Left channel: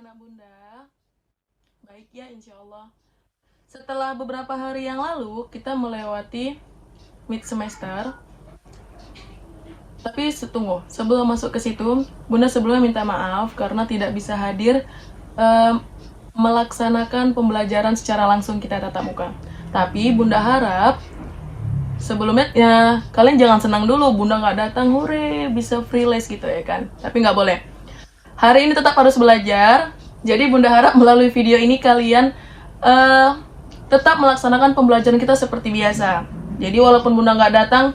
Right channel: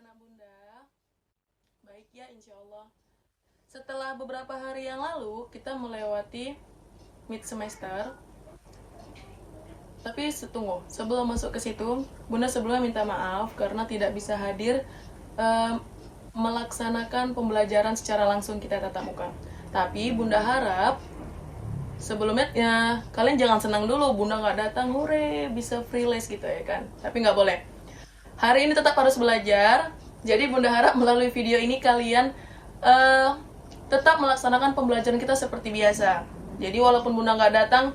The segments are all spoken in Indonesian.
anak-anak bunda? Baik ya, insya Allah. Setelah beberapa hari yang lalu, kita melewati mid semester. Tapi tunggu, sebelum masuk ke situ, bunda sebelumnya minta maaf karena tidak bisa hadir em, melaksanakan pembelajaran secara langsung kita tatap muka. Tapi bunda harap sebelumnya ya kalian jangan senang dulu bunda nggak datang, hore bisa free les gitu ya kan. Tapi nggak boleh. Hari ini tetap harus belajar. Jadi bunda harap melalui video ini kalian tetap melaksanakan pembelajaran kita seperti biasa. Jadi walaupun bunda nggak datang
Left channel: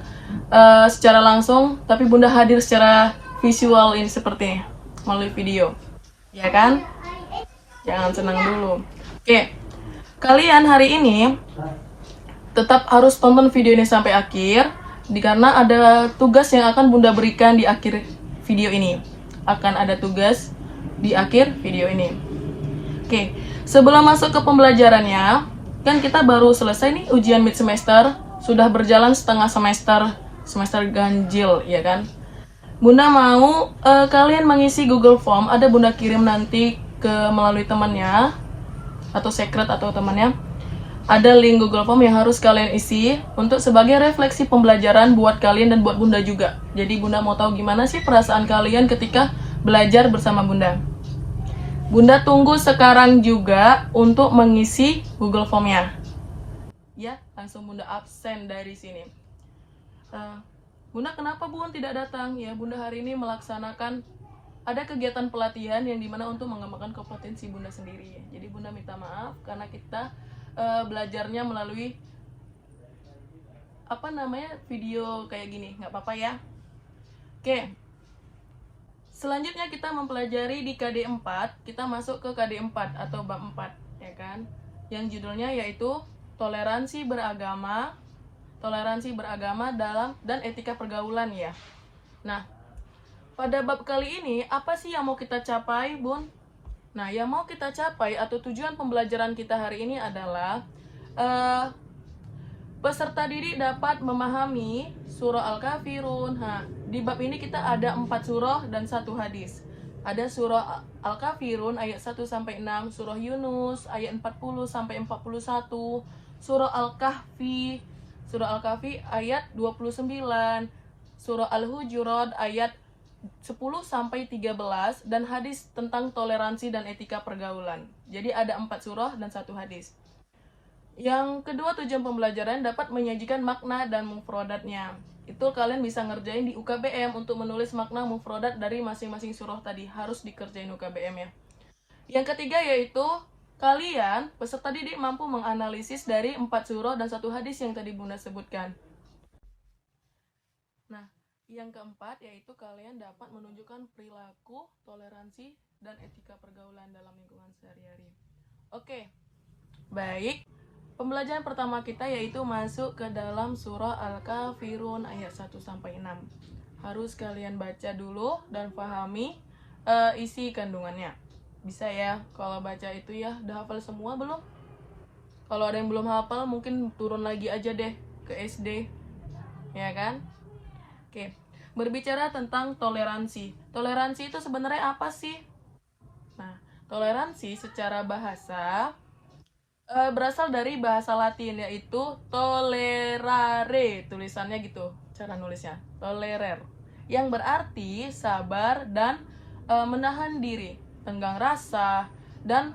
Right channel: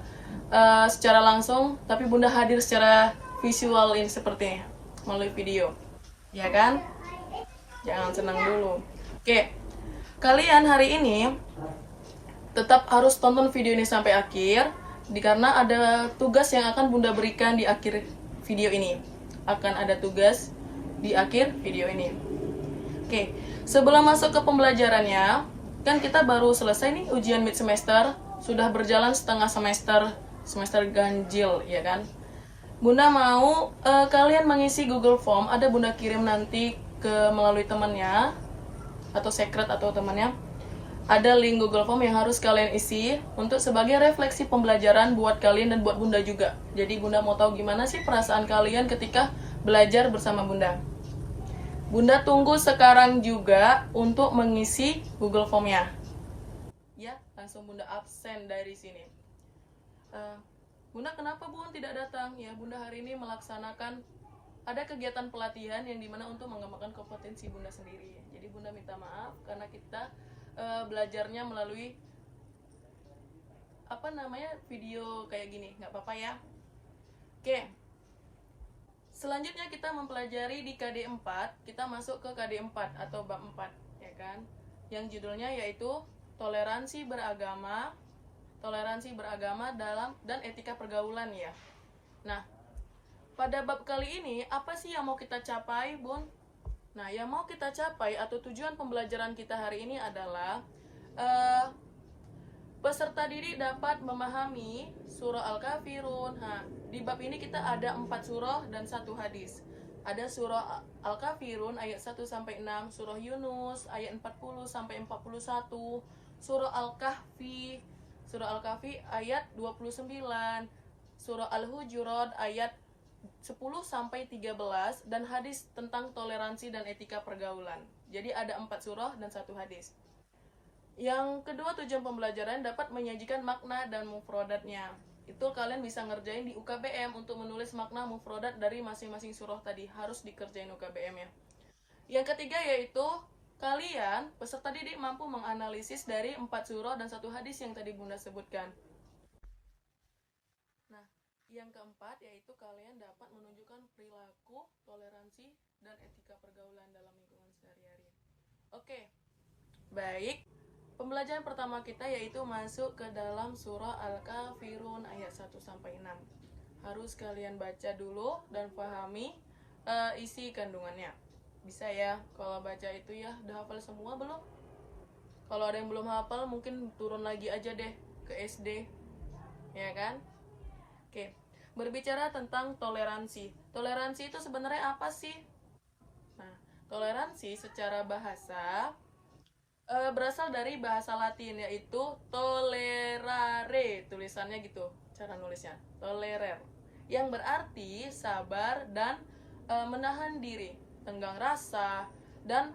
secara langsung, tapi bunda hadir secara visual ini seperti ini, melalui video. Ya kan? Jangan senang dulu. Oke. Kalian hari ini tetap harus tonton video ini sampai akhir, karena ada tugas yang akan bunda berikan di akhir video ini. Akan ada tugas di akhir video ini. Oke, sebelum masuk ke pembelajarannya, kan kita baru selesai nih ujian mid semester, sudah berjalan setengah semester ganjil, ya kan? Bunda mau kalian mengisi Google Form, ada bunda kirim nanti ke melalui temannya, atau secret atau temannya. Ada link Google Form yang harus kalian isi untuk sebagai refleksi pembelajaran buat kalian dan buat bunda juga. Jadi bunda mau tahu gimana sih perasaan kalian ketika belajar bersama bunda. Bunda tunggu sekarang juga untuk mengisi Google Form-nya. Ya, langsung bunda absen dari sini. Bunda kenapa bun tidak datang? Ya, bunda hari ini melaksanakan ada kegiatan pelatihan yang dimana untuk mengembangkan kompetensi bunda sendiri. Jadi bunda minta maaf karena kita belajarnya melalui video kayak gini, nggak apa-apa ya. Oke, selanjutnya kita mempelajari di KD 4, kita masuk ke KD 4 atau bab 4, ya kan, yang judulnya yaitu toleransi beragama dalam dan etika pergaulan ya. Nah, pada bab kali ini apa sih yang mau kita capai bun? Nah, yang mau kita capai atau tujuan pembelajaran kita hari ini adalah peserta didik dapat memahami surah Al-Kafirun. Di bab ini kita ada 4 surah dan 1 hadis. Ada surah Al-Kafirun ayat 1-6, surah Yunus ayat 40-41, surah Al-Kahfi ayat 29, surah Al-Hujurat ayat 10-13, dan hadis tentang toleransi dan etika pergaulan. Jadi ada 4 surah dan 1 hadis. Yang kedua, tujuan pembelajaran dapat menyajikan makna dan mufrodatnya. Itu kalian bisa ngerjain di UKBM untuk menulis makna mufrodat dari masing-masing surah tadi. Harus dikerjain UKBM ya. Yang ketiga yaitu kalian, peserta didik, mampu menganalisis dari 4 surah dan 1 hadis yang tadi bunda sebutkan. Nah, yang keempat yaitu kalian dapat menunjukkan perilaku, toleransi, dan etika pergaulan dalam lingkungan sehari-hari. Oke, baik. Pembelajaran pertama kita yaitu masuk ke dalam surah Al-Kafirun ayat 1-6. Harus kalian baca dulu dan pahami isi kandungannya. Bisa ya, kalau baca itu ya, udah hafal semua belum? Kalau ada yang belum hafal mungkin turun lagi aja deh ke SD, ya kan? Oke, berbicara tentang toleransi. Toleransi itu sebenarnya apa sih? Nah, toleransi secara bahasa berasal dari bahasa Latin yaitu tolerare, tulisannya gitu, cara nulisnya, tolerer, yang berarti sabar dan menahan diri, tenggang rasa, dan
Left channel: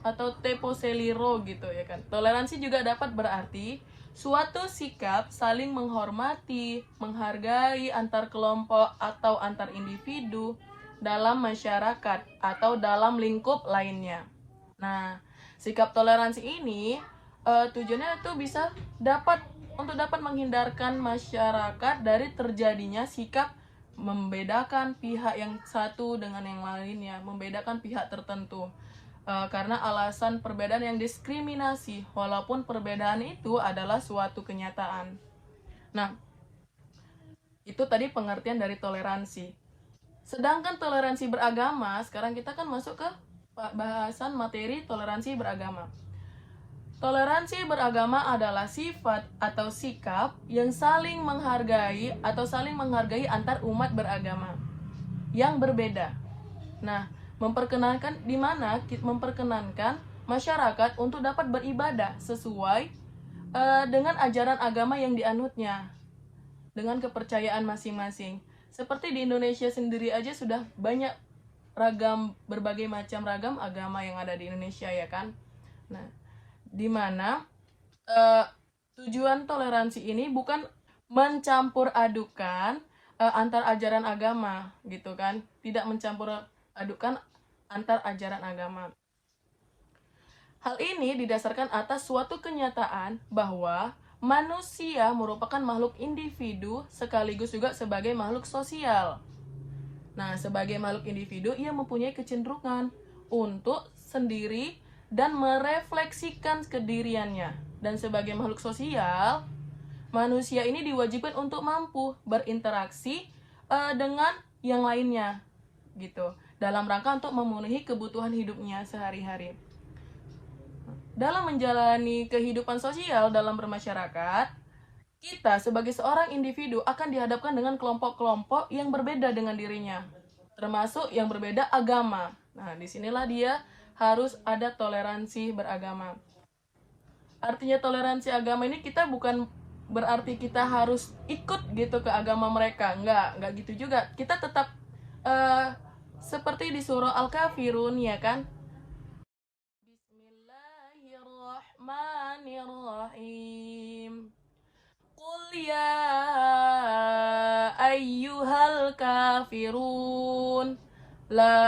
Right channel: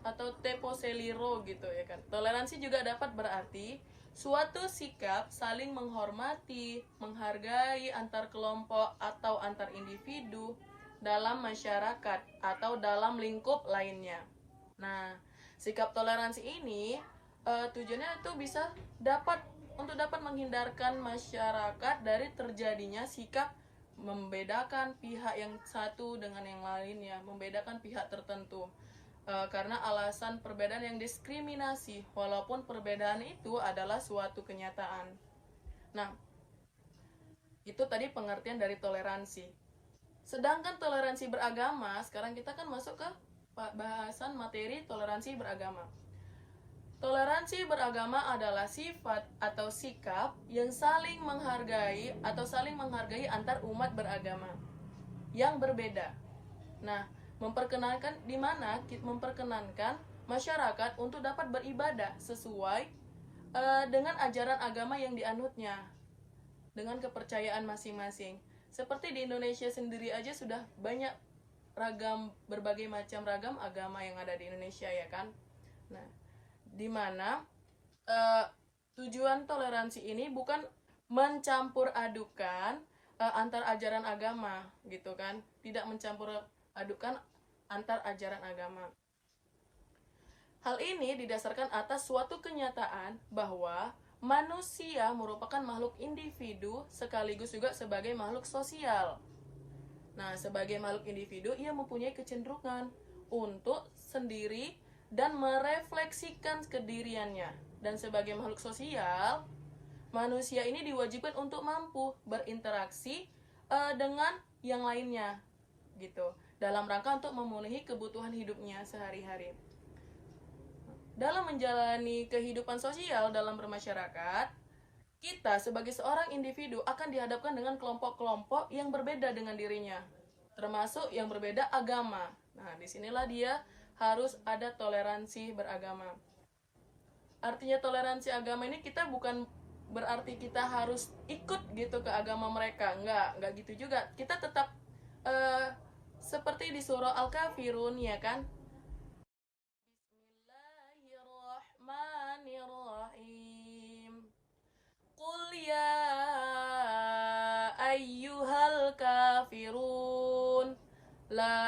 atau teposeliro gitu ya kan. Toleransi juga dapat berarti suatu sikap saling menghormati, menghargai antar kelompok atau antar individu dalam masyarakat atau dalam lingkup lainnya. Nah, sikap toleransi ini tujuannya itu bisa dapat menghindarkan masyarakat dari terjadinya sikap membedakan pihak yang satu dengan yang lainnya, membedakan pihak tertentu. Karena alasan perbedaan yang diskriminasi, walaupun perbedaan itu adalah suatu kenyataan. Nah, itu tadi pengertian dari toleransi. Sedangkan toleransi beragama, sekarang kita kan masuk ke bahasan materi toleransi beragama. Toleransi beragama adalah sifat atau sikap yang saling menghargai antar umat beragama yang berbeda. Nah, memperkenankan masyarakat untuk dapat beribadah sesuai dengan ajaran agama yang dianutnya, dengan kepercayaan masing-masing. Seperti di Indonesia sendiri aja sudah banyak berbagai macam ragam agama yang ada di Indonesia, ya kan. Nah, dimana tujuan toleransi ini bukan mencampur adukan antar ajaran agama, gitu kan. Tidak mencampur adukan antar ajaran agama. Hal ini didasarkan atas suatu kenyataan bahwa manusia merupakan makhluk individu sekaligus juga sebagai makhluk sosial. Nah, sebagai makhluk individu, ia mempunyai kecenderungan untuk sendiri dan merefleksikan kediriannya. Dan sebagai makhluk sosial, manusia ini diwajibkan untuk mampu berinteraksi dengan yang lainnya, gitu, dalam rangka untuk memenuhi kebutuhan hidupnya sehari-hari. Dalam menjalani kehidupan sosial dalam bermasyarakat, kita sebagai seorang individu akan dihadapkan dengan kelompok-kelompok yang berbeda dengan dirinya, termasuk yang berbeda agama. Nah, disinilah dia harus ada toleransi beragama. Artinya toleransi agama ini kita bukan berarti kita harus ikut gitu ke agama mereka. Enggak gitu juga. Kita tetap seperti di surah Al-Kafirun, ya kan? Bismillahirrahmanirrahim. Qul ya ayyuhal kafirun la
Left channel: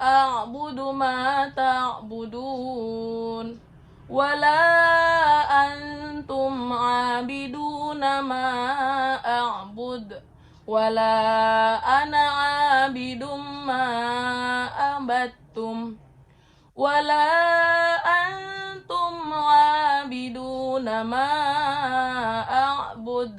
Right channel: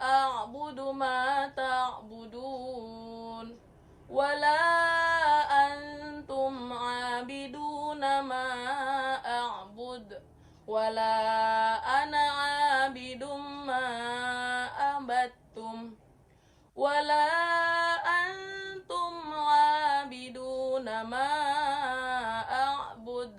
a'budu ma ta'budun wala antum 'abiduna ma a'bud wala ana 'abidum ma abattum wala antum 'abiduna ma a'bud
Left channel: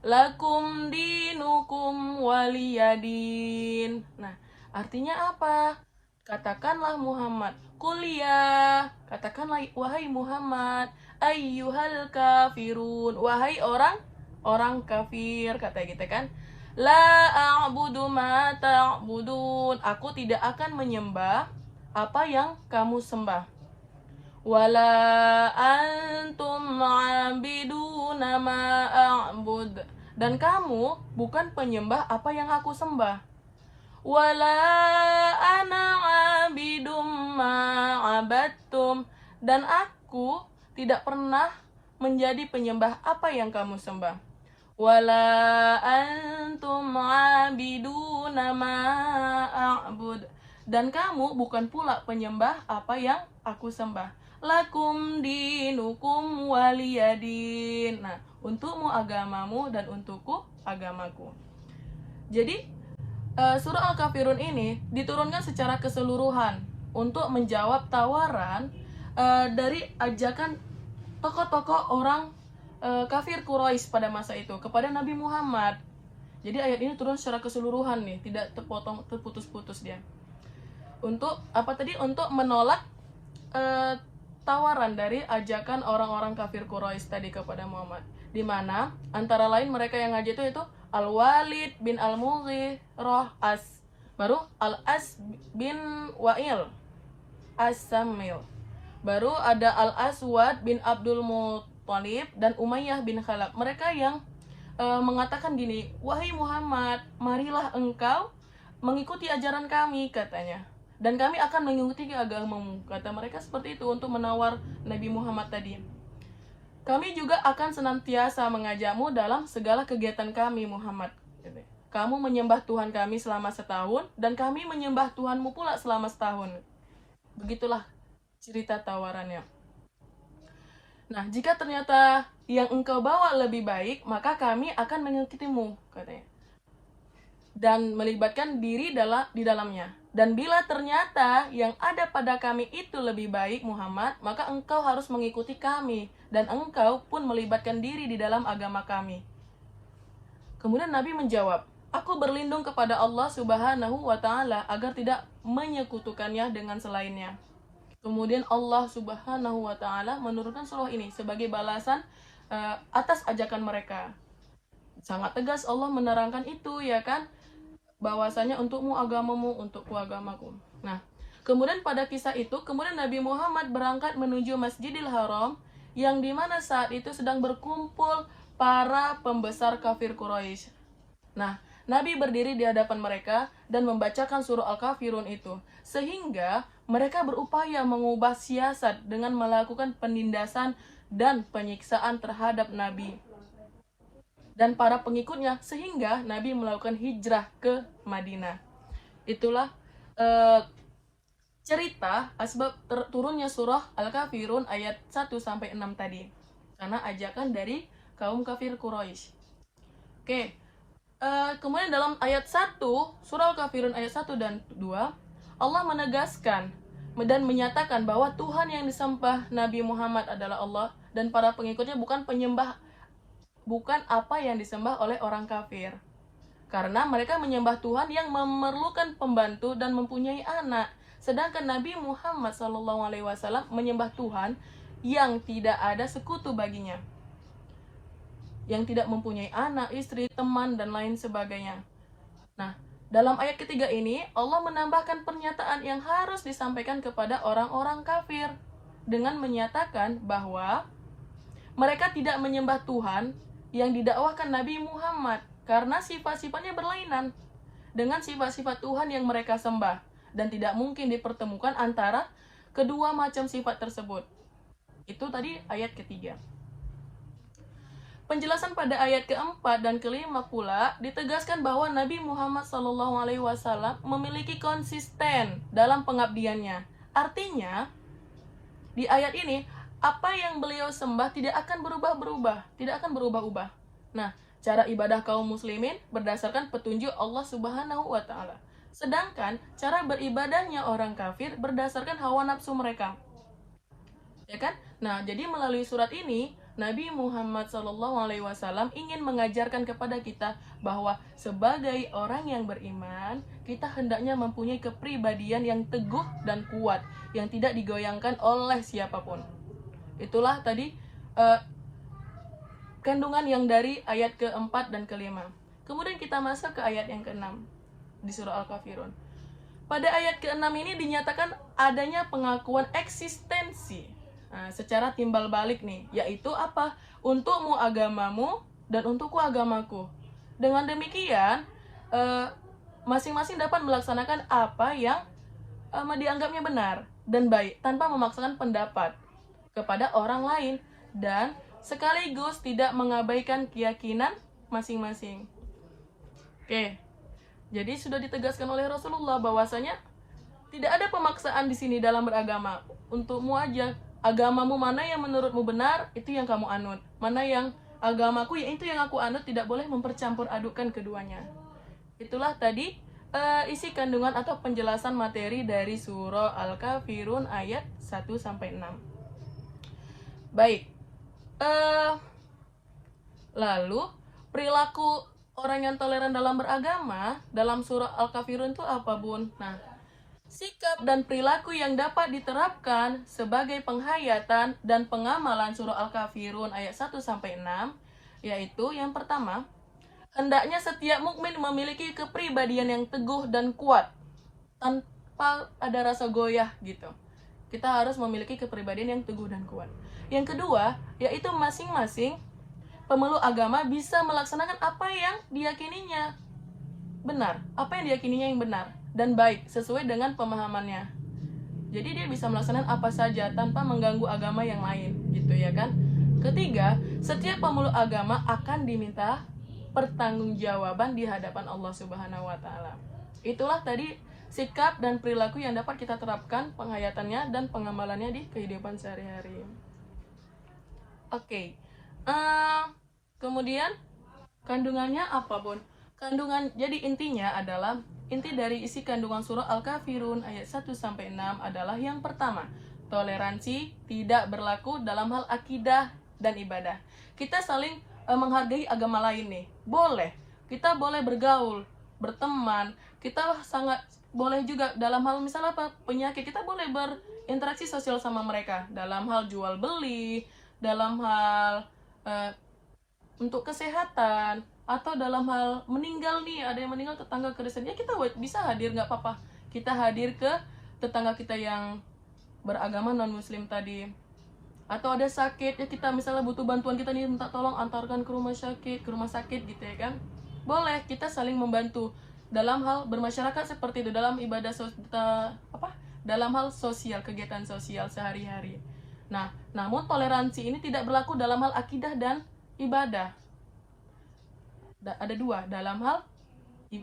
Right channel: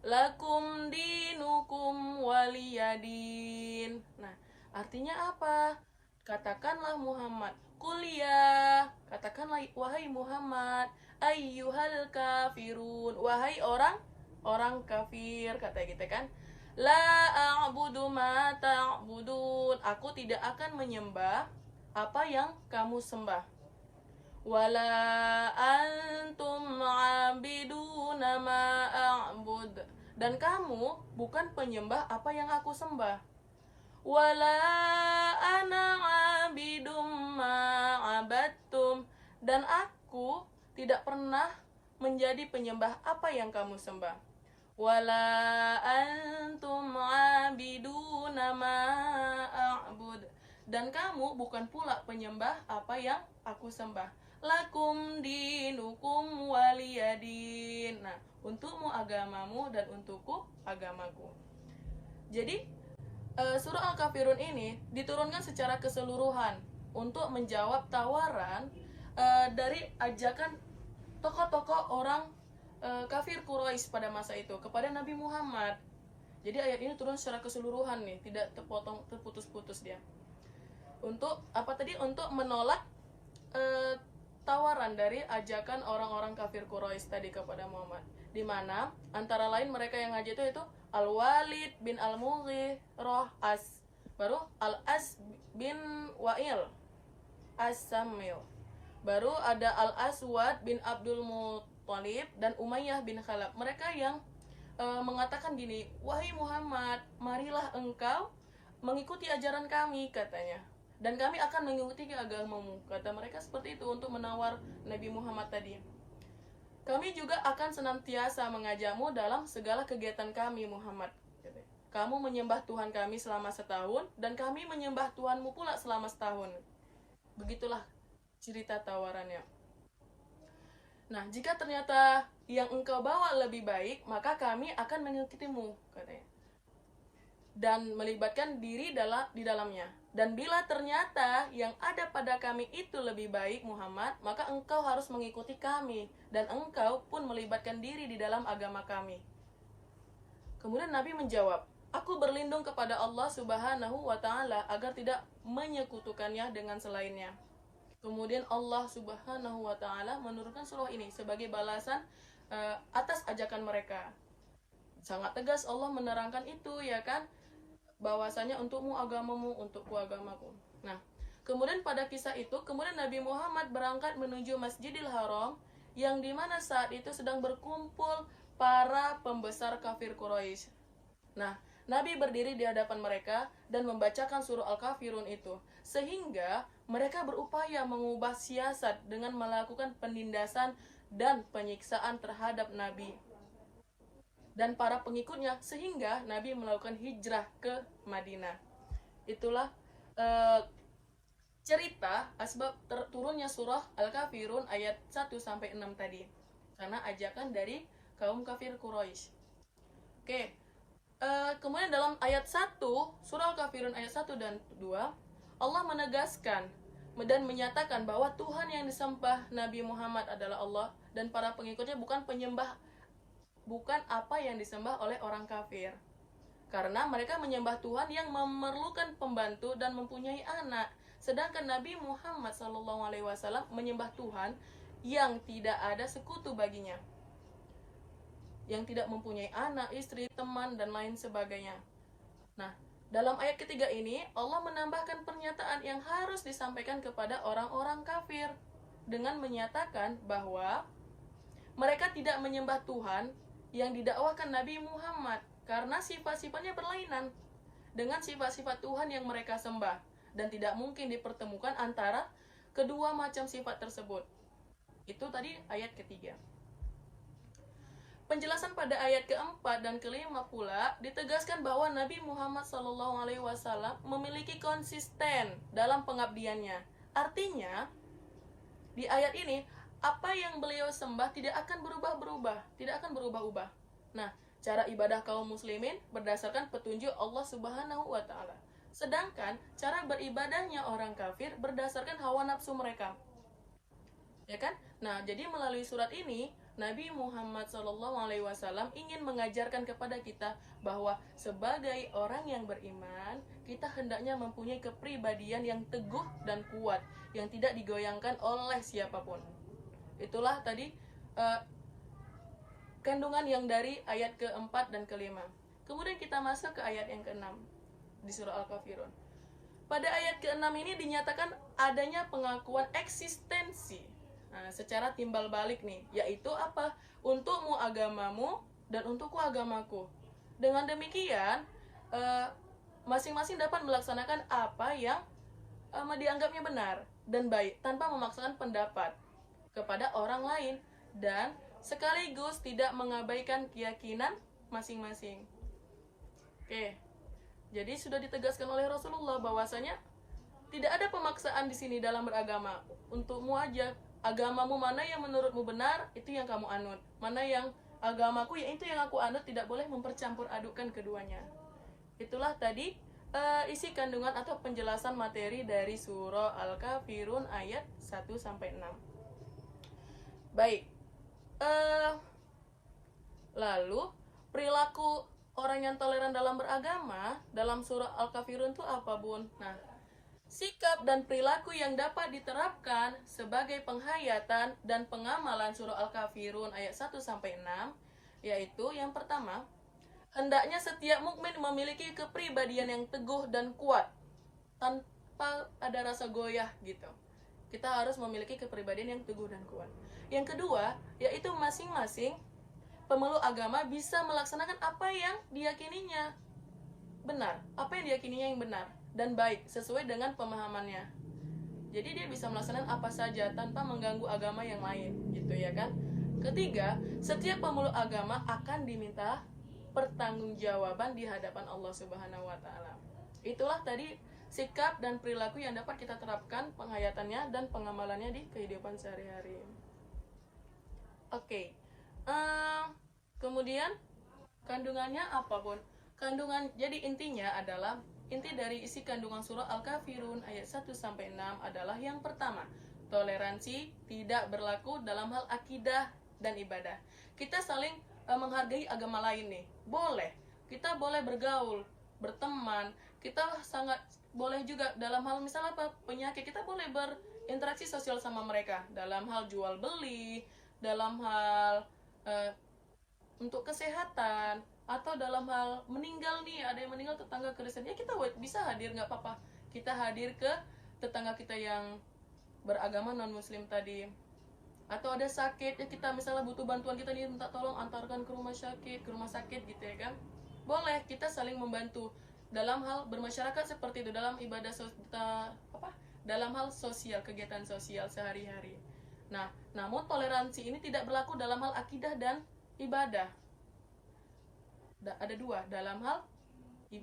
lakum dinukum waliyadin. Nah, artinya apa? Katakanlah Muhammad, kuliah, katakanlah wahai Muhammad, ayyuhal kafirun, wahai orang kafir, kata kita kan. La a'budu ma ta'budun, aku tidak akan menyembah apa yang kamu sembah. Wala antum 'abiduna ma a'bud, dan kamu bukan penyembah apa yang aku sembah. Wala ana 'abidum ma 'abadtum, dan aku tidak pernah menjadi penyembah apa yang kamu sembah. Wala antum 'abiduna ma a'bud, dan kamu bukan pula penyembah apa yang aku sembah. Lakum dinukum waliyadin. Nah, untukmu agamamu dan untukku agamaku. Jadi surah Al-Kafirun ini diturunkan secara keseluruhan untuk menjawab tawaran dari ajakan tokoh-tokoh orang kafir Quraisy pada masa itu kepada Nabi Muhammad. Jadi ayat ini turun secara keseluruhan nih, tidak terputus-putus dia. Untuk apa tadi? Untuk menolak tawaran dari ajakan orang-orang kafir Quraisy tadi kepada Muhammad, di mana antara lain mereka yang ngaji itu Al-Walid bin Al-Mughirah baru Al-As bin Wa'il As-Samil, baru ada Al-Aswad bin Abdul Muttalib dan Umayyah bin Khalaf. Mereka yang mengatakan gini, wahai Muhammad, marilah engkau mengikuti ajaran kami, katanya, dan kami akan mengikuti agamamu. Kata mereka seperti itu untuk menawar Nabi Muhammad tadi. Kami juga akan senantiasa mengajakmu dalam segala kegiatan kami, Muhammad. Kamu menyembah Tuhan kami selama setahun, dan kami menyembah Tuhanmu pula selama setahun. Begitulah cerita tawarannya. Nah, jika ternyata yang engkau bawa lebih baik, maka kami akan mengikutimu, katanya, dan melibatkan diri di dalamnya. Dan bila ternyata yang ada pada kami itu lebih baik, Muhammad, maka engkau harus mengikuti kami, dan engkau pun melibatkan diri di dalam agama kami. Kemudian Nabi menjawab, aku berlindung kepada Allah Subhanahu wa Ta'ala agar tidak menyekutukannya dengan selainnya. Kemudian Allah Subhanahu wa Ta'ala menurunkan surah ini sebagai balasan atas ajakan mereka. Sangat tegas Allah menerangkan itu, ya kan, bahwasanya untukmu agamamu, untukku agamaku. Nah, Kemudian pada kisah itu, kemudian Nabi Muhammad berangkat menuju Masjidil Haram, yang dimana saat itu sedang berkumpul para pembesar kafir Quraisy. Nah, Nabi berdiri di hadapan mereka dan membacakan surah Al-Kafirun itu, sehingga mereka berupaya mengubah siasat dengan melakukan penindasan dan penyiksaan terhadap Nabi dan para pengikutnya, sehingga Nabi melakukan hijrah ke Madinah. Itulah cerita asbab turunnya surah Al-Kafirun ayat 1-6 tadi, karena ajakan dari kaum kafir Quraisy. Oke, kemudian dalam ayat 1, surah Al-Kafirun ayat 1 dan 2, Allah menegaskan dan menyatakan bahwa Tuhan yang disembah Nabi Muhammad adalah Allah, dan para pengikutnya bukan apa yang disembah oleh orang kafir. Karena mereka menyembah Tuhan yang memerlukan pembantu dan mempunyai anak. Sedangkan Nabi Muhammad SAW menyembah Tuhan yang tidak ada sekutu baginya, yang tidak mempunyai anak, istri, teman, dan lain sebagainya. Nah, dalam ayat ketiga ini, Allah menambahkan pernyataan yang harus disampaikan kepada orang-orang kafir dengan menyatakan bahwa mereka tidak menyembah Tuhan yang didakwahkan Nabi Muhammad, karena sifat-sifatnya berlainan dengan sifat-sifat Tuhan yang mereka sembah, dan tidak mungkin dipertemukan antara kedua macam sifat tersebut. Itu tadi ayat ketiga. Penjelasan pada ayat keempat dan kelima pula ditegaskan bahwa Nabi Muhammad SAW memiliki konsisten dalam pengabdiannya. Artinya, di ayat ini, apa yang beliau sembah tidak akan berubah-ubah. Nah, cara ibadah kaum muslimin berdasarkan petunjuk Allah Subhanahu wa Ta'ala. Sedangkan cara beribadahnya orang kafir berdasarkan hawa nafsu mereka. Ya kan? Nah, jadi melalui surat ini, Nabi Muhammad SAW ingin mengajarkan kepada kita bahwa sebagai orang yang beriman, kita hendaknya mempunyai kepribadian yang teguh dan kuat, yang tidak digoyangkan oleh siapapun. Itulah tadi kandungan yang dari ayat keempat dan kelima. Kemudian kita masuk ke ayat yang keenam di surah Al-Kafirun. Pada ayat keenam ini dinyatakan adanya pengakuan eksistensi secara timbal balik nih, yaitu apa? Untukmu agamamu dan untukku agamaku. Dengan demikian, masing-masing dapat melaksanakan apa yang dianggapnya benar dan baik tanpa memaksakan pendapat kepada orang lain, dan sekaligus tidak mengabaikan keyakinan masing-masing. Oke, jadi sudah ditegaskan oleh Rasulullah bahwasanya tidak ada pemaksaan di sini dalam beragama. Untukmu aja, agamamu mana yang menurutmu benar, itu yang kamu anut. Mana yang agamaku, ya itu yang aku anut, tidak boleh mempercampur adukan keduanya. Itulah tadi isi kandungan atau penjelasan materi dari surah Al-Kafirun ayat 1-6. Baik, lalu perilaku orang yang toleran dalam beragama dalam surah Al-Kafirun itu apa, Bun? Nah, sikap dan perilaku yang dapat diterapkan sebagai penghayatan dan pengamalan surah Al-Kafirun ayat 1-6, yaitu yang pertama, hendaknya setiap mukmin memiliki kepribadian yang teguh dan kuat tanpa ada rasa goyah gitu. Kita harus memiliki kepribadian yang teguh dan kuat. Yang kedua, yaitu masing-masing pemeluk agama bisa melaksanakan apa yang diyakininya benar, apa yang diyakininya yang benar dan baik sesuai dengan pemahamannya. Jadi dia bisa melaksanakan apa saja tanpa mengganggu agama yang lain, gitu ya kan? Ketiga, setiap pemeluk agama akan diminta pertanggungjawaban di hadapan Allah Subhanahu wa Ta'ala. Itulah tadi sikap dan perilaku yang dapat kita terapkan penghayatannya dan pengamalannya di kehidupan sehari-hari. Oke. Kemudian kandungannya apa, Bun? Jadi intinya adalah, inti dari isi kandungan surah Al-Kafirun ayat 1-6 adalah yang pertama, toleransi tidak berlaku dalam hal akidah dan ibadah. Kita saling menghargai agama lain nih. Boleh. Kita boleh bergaul, berteman. Kita sangat boleh juga dalam hal misalnya apa? Penyakit, kita boleh berinteraksi sosial sama mereka dalam hal jual beli, dalam hal untuk kesehatan, atau dalam hal meninggal nih, ada yang meninggal tetangga Kristen, ya kita bisa hadir, nggak apa-apa, kita hadir ke tetangga kita yang beragama non muslim tadi, atau ada sakit ya, kita misalnya butuh bantuan, kita nih minta tolong antarkan ke rumah sakit gitu ya kan, boleh kita saling membantu dalam hal bermasyarakat seperti itu, dalam ibadah dalam hal sosial, kegiatan sosial sehari-hari. Nah, namun toleransi ini tidak berlaku dalam hal akidah dan ibadah. Ada dua, dalam hal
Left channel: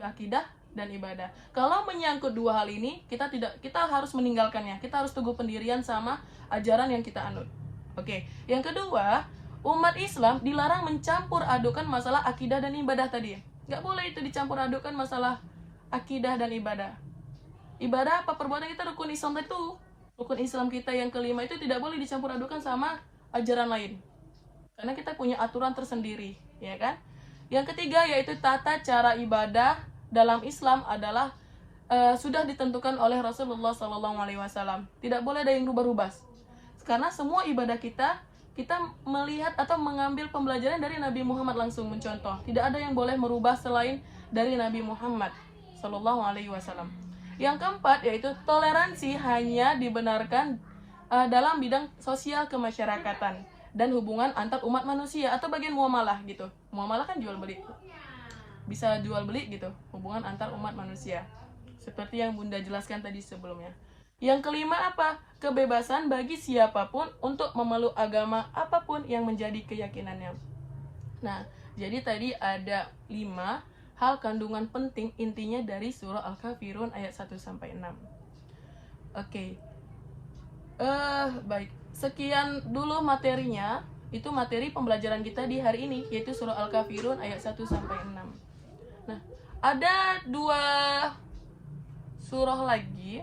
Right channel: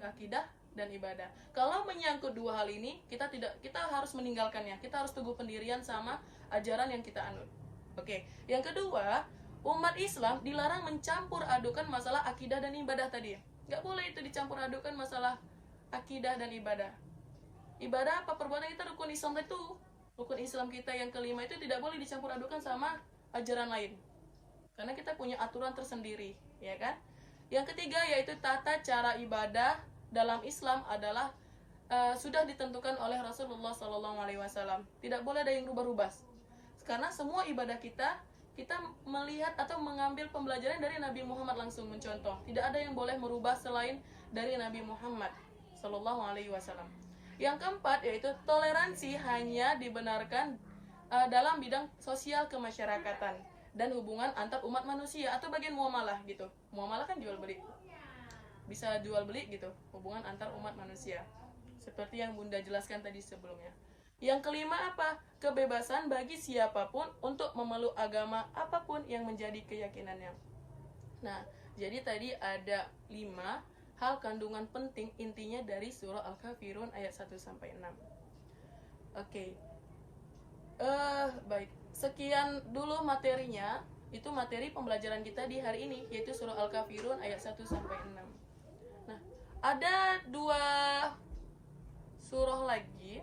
akidah dan ibadah. Kalau menyangkut dua hal ini, kita harus meninggalkannya. Kita harus teguh pendirian sama ajaran yang kita anut. Oke. Yang kedua, umat Islam dilarang mencampur adukan masalah akidah dan ibadah tadi. Nggak boleh itu dicampur adukan masalah akidah dan ibadah. Ibadah apa perbuatan kita, rukun Islam itu, rukun Islam kita yang kelima itu tidak boleh dicampur adukan sama ajaran lain. Karena kita punya aturan tersendiri, ya kan? Yang ketiga yaitu tata cara ibadah dalam Islam adalah sudah ditentukan oleh Rasulullah SAW. Tidak boleh ada yang rubah-rubah. Karena semua ibadah kita melihat atau mengambil pembelajaran dari Nabi Muhammad langsung mencontoh. Tidak ada yang boleh merubah selain dari Nabi Muhammad SAW. Yang keempat yaitu toleransi hanya dibenarkan dalam bidang sosial kemasyarakatan dan hubungan antar umat manusia atau bagian muamalah gitu. Muamalah kan jual beli, bisa jual beli gitu, hubungan antar umat manusia seperti yang Bunda jelaskan tadi sebelumnya. Yang kelima apa? Kebebasan bagi siapapun untuk memeluk agama apapun yang menjadi keyakinannya. Nah, jadi tadi ada 5 hal kandungan penting intinya dari surah Al-Kafirun ayat 1-6. Oke. Baik. Sekian dulu materinya. Itu materi pembelajaran kita di hari ini, yaitu surah Al-Kafirun ayat 1-6. Nah, ada 3 surah lagi,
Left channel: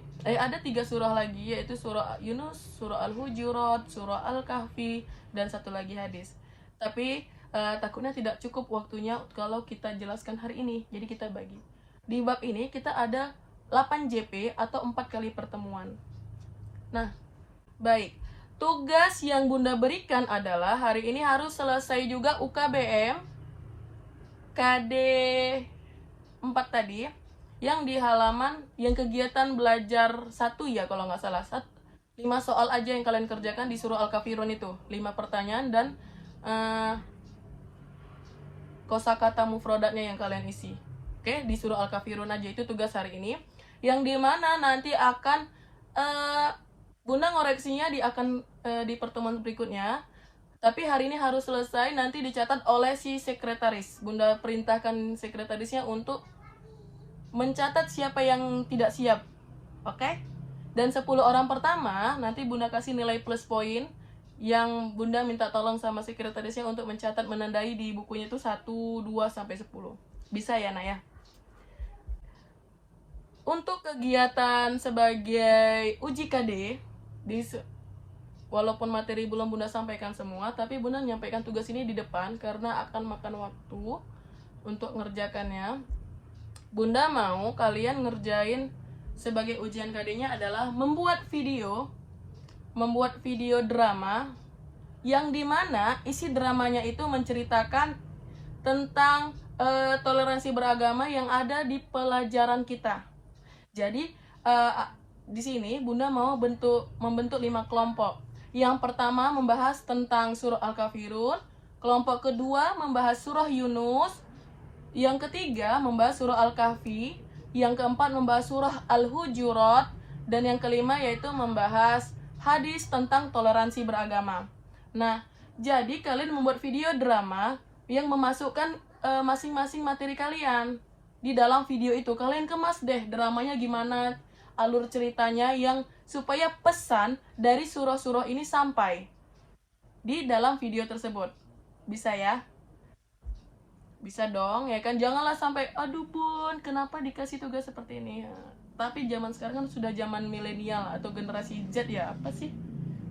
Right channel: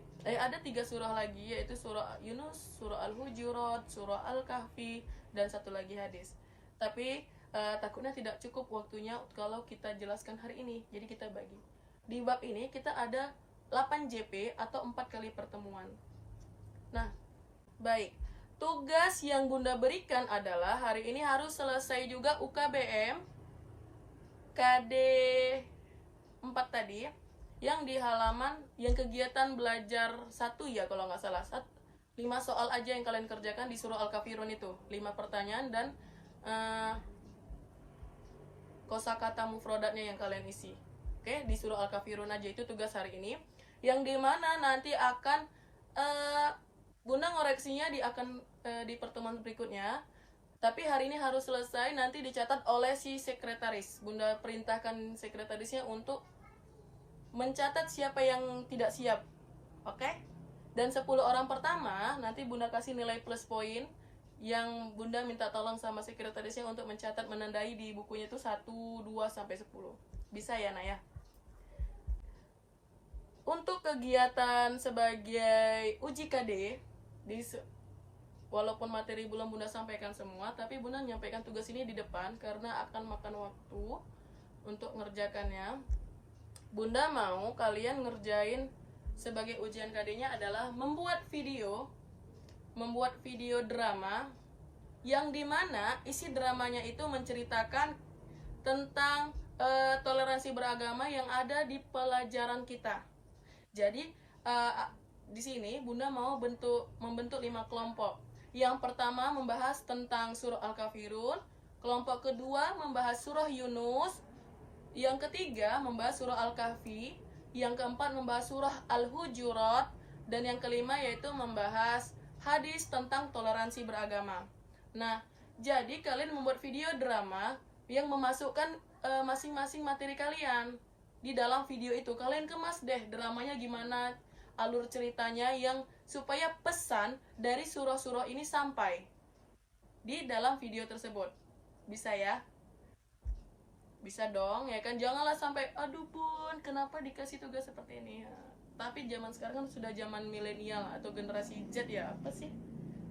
yaitu surah Yunus, surah Al-Hujurat, surah Al-Kahfi, dan satu lagi hadis. Tapi takutnya tidak cukup waktunya kalau kita jelaskan hari ini, jadi kita bagi. Di bab ini kita ada 8 JP atau 4 kali pertemuan. Nah, baik. Tugas yang Bunda berikan adalah hari ini harus selesai juga UKBM KD 4 tadi, yang di halaman yang kegiatan belajar 1 ya kalau nggak salah. 5 soal aja yang kalian kerjakan di surah Al-Kafirun itu. 5 pertanyaan dan kosakata mufradatnya yang kalian isi. Oke, di surah Al-Kafirun aja itu tugas hari ini. Yang dimana nanti akan Bunda ngoreksinya di pertemuan berikutnya. Tapi hari ini harus selesai, nanti dicatat oleh si sekretaris. Bunda perintahkan sekretarisnya untuk mencatat siapa yang tidak siap. Oke? Dan 10 orang pertama nanti Bunda kasih nilai plus poin, yang Bunda minta tolong sama sekretarisnya untuk mencatat, menandai di bukunya itu 1, 2, sampai 10. Bisa ya, Nak ya? Untuk kegiatan sebagai uji KD, walaupun materi belum Bunda sampaikan semua, tapi Bunda menyampaikan tugas ini di depan karena akan makan waktu untuk ngerjakannya. Bunda mau kalian ngerjain sebagai ujian KD-nya adalah membuat video drama, yang dimana isi dramanya itu menceritakan tentang toleransi beragama yang ada di pelajaran kita. Jadi di sini Bunda mau membentuk 5 kelompok. Yang pertama membahas tentang surah Al-Kafirun, kelompok kedua membahas surah Yunus, yang ketiga membahas surah Al-Kahfi, yang keempat membahas surah Al-Hujurat, dan yang kelima yaitu membahas hadis tentang toleransi beragama. Nah, jadi kalian membuat video drama yang memasukkan masing-masing materi kalian. Di dalam video itu kalian kemas deh dramanya gimana, alur ceritanya, yang supaya pesan dari surah-surah ini sampai di dalam video tersebut. Bisa ya? Bisa dong, ya kan? Janganlah sampai, aduh Bun, kenapa dikasih tugas seperti ini? Tapi zaman sekarang kan sudah zaman milenial atau generasi Z ya, apa sih?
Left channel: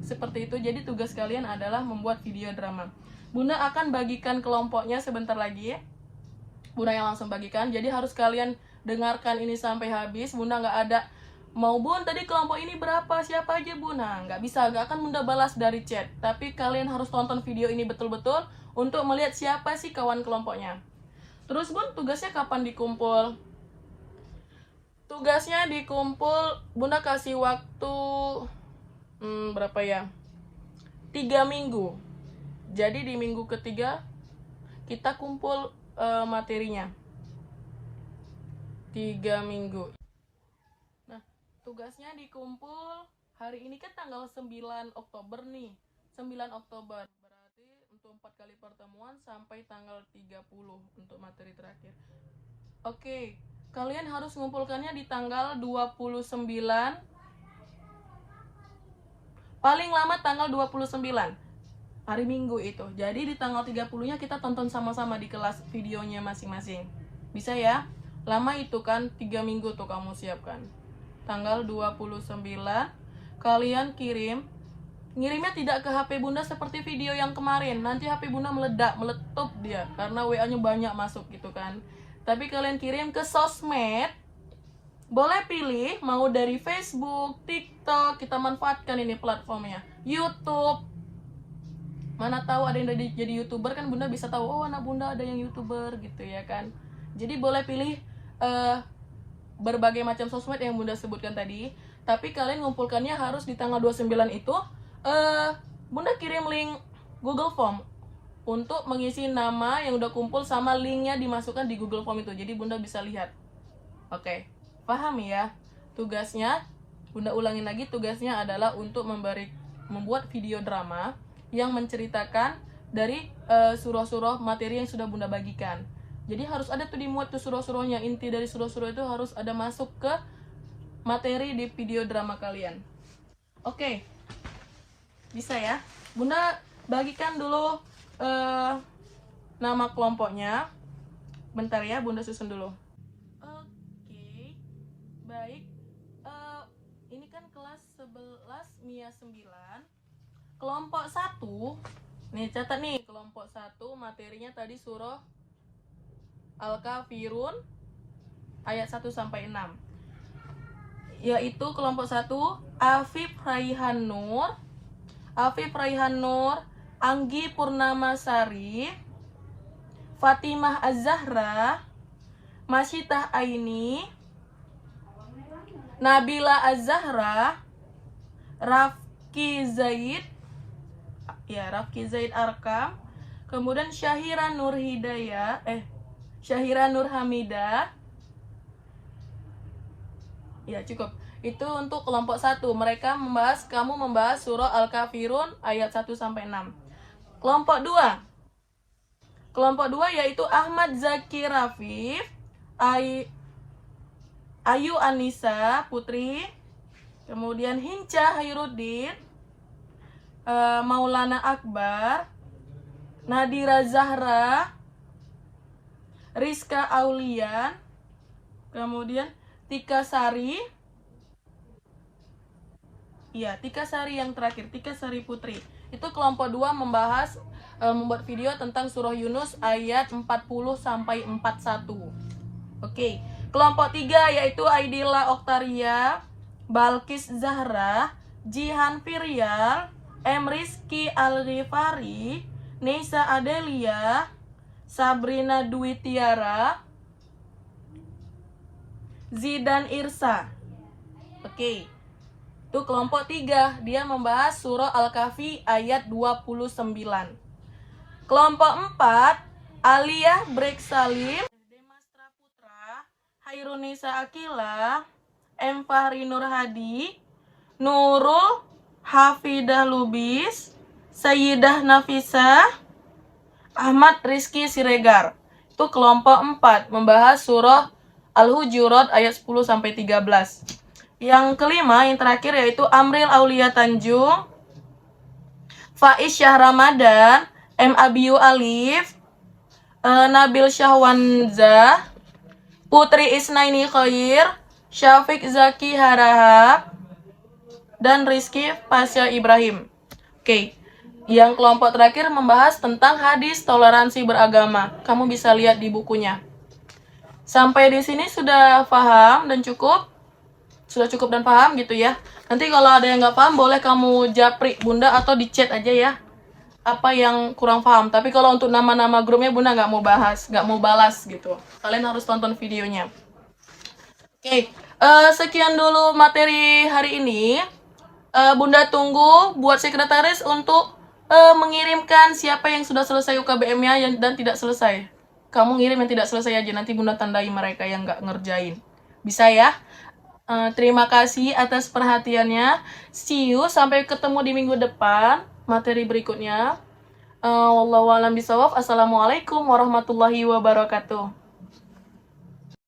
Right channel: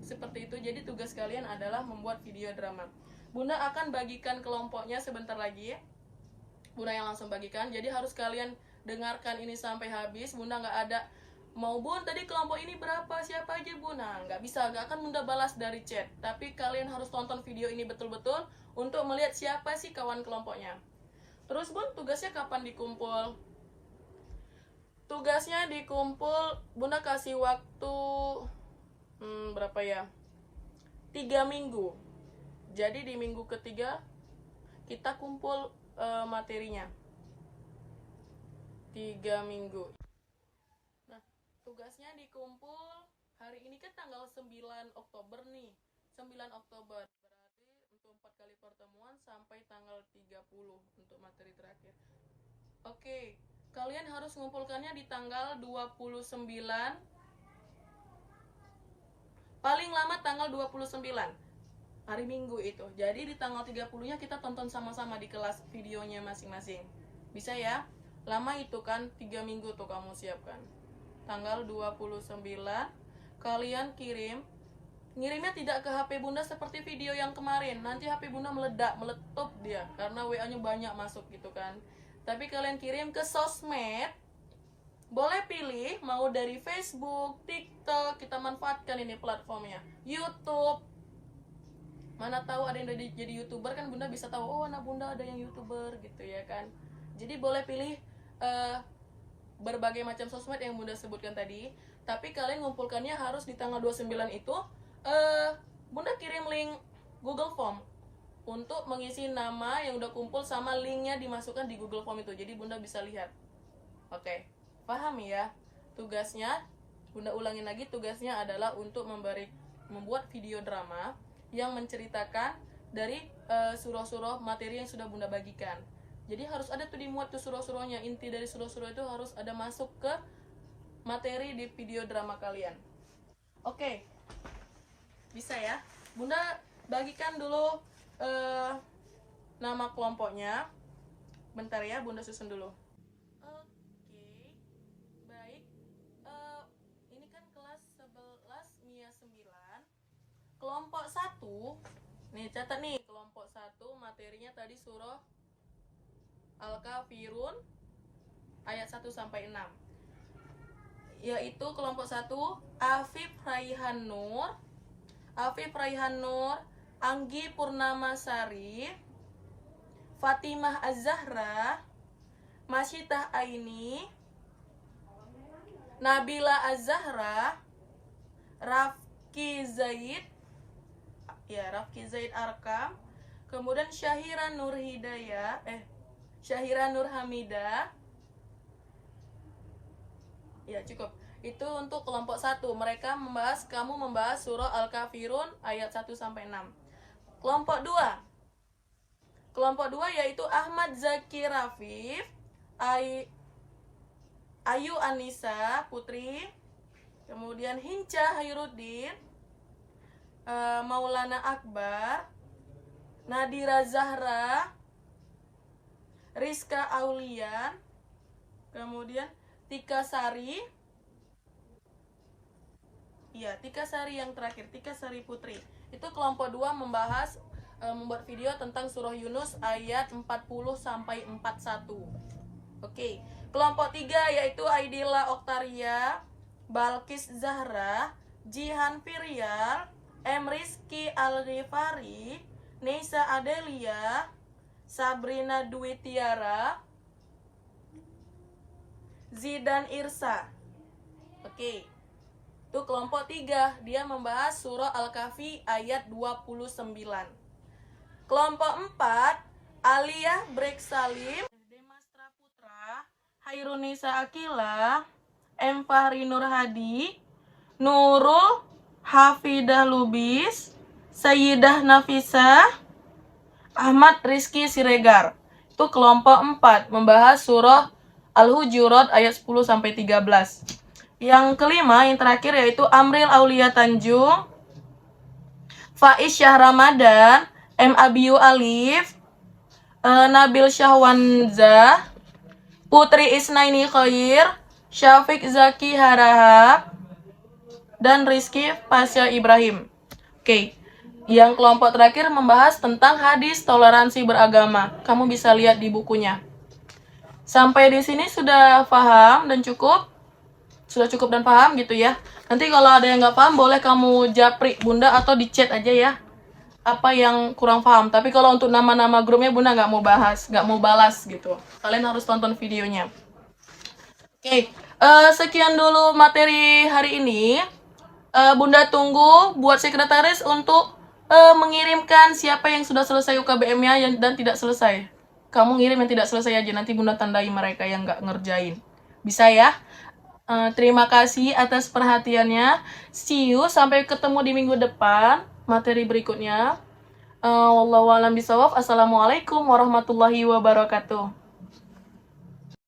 Seperti itu. Jadi tugas kalian adalah membuat video drama. Bunda akan bagikan kelompoknya sebentar lagi ya. Bunda yang langsung bagikan. Jadi harus kalian dengarkan ini sampai habis. Bunda nggak ada mau, Bun tadi kelompok ini berapa, siapa aja Bun. Nah, nggak bisa, nggak akan Bunda balas dari chat. Tapi kalian harus tonton video ini betul-betul untuk melihat siapa sih kawan kelompoknya. Terus Bun, tugasnya kapan dikumpul? tugasnya dikumpul, Bunda kasih waktu berapa ya? 3 minggu. Jadi di minggu ketiga kita kumpul materinya. 3 minggu. Nah, tugasnya dikumpul hari ini kan tanggal 9 Oktober nih. 9 Oktober. Berarti untuk 4 kali pertemuan sampai tanggal 30 untuk materi terakhir. Oke, kalian harus mengumpulkannya di tanggal 29. Paling lama tanggal 29. Hari Minggu itu. Jadi di tanggal 30-nya kita tonton sama-sama di kelas videonya masing-masing. Bisa ya? Lama itu kan 3 minggu tuh kamu siapkan. Tanggal 29 kalian kirim. Ngirimnya tidak ke HP Bunda seperti video yang kemarin. Nanti HP Bunda meledak, meletup dia karena WA-nya banyak masuk gitu kan. Tapi kalian kirim ke sosmed. Boleh pilih mau dari Facebook, TikTok, kita manfaatkan ini platformnya. YouTube. Mana tahu ada yang jadi YouTuber kan Bunda bisa tahu, oh anak Bunda ada yang YouTuber gitu ya kan. Jadi boleh pilih berbagai macam sosmed yang Bunda sebutkan tadi. Tapi kalian ngumpulkannya harus di tanggal 29 itu. Bunda kirim link Google Form untuk mengisi nama yang udah kumpul sama linknya dimasukkan di Google Form itu. Jadi Bunda bisa lihat. Oke, paham ya? Tugasnya, Bunda ulangin lagi, tugasnya adalah untuk membuat video drama yang menceritakan dari surah-surah materi yang sudah Bunda bagikan. Jadi harus ada tuh dimuat tuh surah-surahnya. Inti dari surah-surah itu harus ada masuk ke materi di video drama kalian. Oke, bisa ya? Bunda bagikan dulu nama kelompoknya. Bentar ya, Bunda susun dulu. Oke, baik. Ini kan kelas 11 MIA 9. Kelompok 1, nih catat nih, kelompok 1 materinya tadi surah Al-Kafirun ayat 1 sampai 6. Yaitu kelompok 1 Afif Raihan Nur, Anggi Purnamasari, Fatimah Az-Zahra, Masyitah Aini, Nabila Az-Zahra, Rafki Zaid Arkam, kemudian Syahira Nur Hamidah. Ya, cukup. Itu untuk kelompok 1. Kamu membahas surah Al-Kafirun ayat 1 sampai 6. Kelompok 2. Kelompok 2 yaitu Ahmad Zaki Rafif, Ayu Anissa Putri, kemudian Hinca Hayruddin, Maulana Akbar, Nadira Zahra, Rizka Aulian, kemudian Tika Sari. Iya, Tika Sari yang terakhir, Tika Sari Putri. Itu kelompok 2 membahas membuat video tentang surah Yunus ayat 40 sampai 41. Oke. Kelompok 3 yaitu Aidila Oktaria, Balkis Zahra, Jihan Firyal, M. Rizky Al-Rifari, Neisa Adelia, Sabrina Dwi Tiara, Zidan Irsa. Oke. Itu kelompok 3, dia membahas surah Al-Kahfi ayat 29. Kelompok 4, Aliyah Brek Salim, Demastra Putra, Hairunisa Akila, M. Fahri Nur Hadi, Nurul Hafidah Lubis, Sayyidah Nafisa, Ahmad Rizky Siregar. Itu kelompok 4 membahas surah Al-Hujurat ayat 10 sampai 13. Yang kelima, yang terakhir yaitu Amril Aulia Tanjung, Faiz Syah Ramadan, M. Abiyu Alif, Nabil Syahwanzah, Putri Isnaini Khair, Syafiq Zaki Harahap, dan Rizky Pasya Ibrahim. Oke. Yang kelompok terakhir membahas tentang hadis toleransi beragama. Kamu bisa lihat di bukunya. Sampai di sini sudah paham dan cukup? Sudah cukup dan paham gitu ya. Nanti kalau ada yang nggak paham boleh kamu japri Bunda atau di chat aja ya. Apa yang kurang paham. Tapi kalau untuk nama-nama grupnya Bunda nggak mau bahas, nggak mau balas gitu. Kalian harus tonton videonya. Oke, Sekian dulu materi hari ini. Bunda tunggu buat sekretaris untuk mengirimkan siapa yang sudah selesai UKBM-nya dan tidak selesai. Kamu ngirim yang tidak selesai aja, nanti Bunda tandai mereka yang nggak ngerjain. Bisa ya? Terima kasih atas perhatiannya. See you, sampai ketemu di minggu depan materi berikutnya. Wallahu a'lam bishawab. Assalamualaikum warahmatullahi wabarakatuh.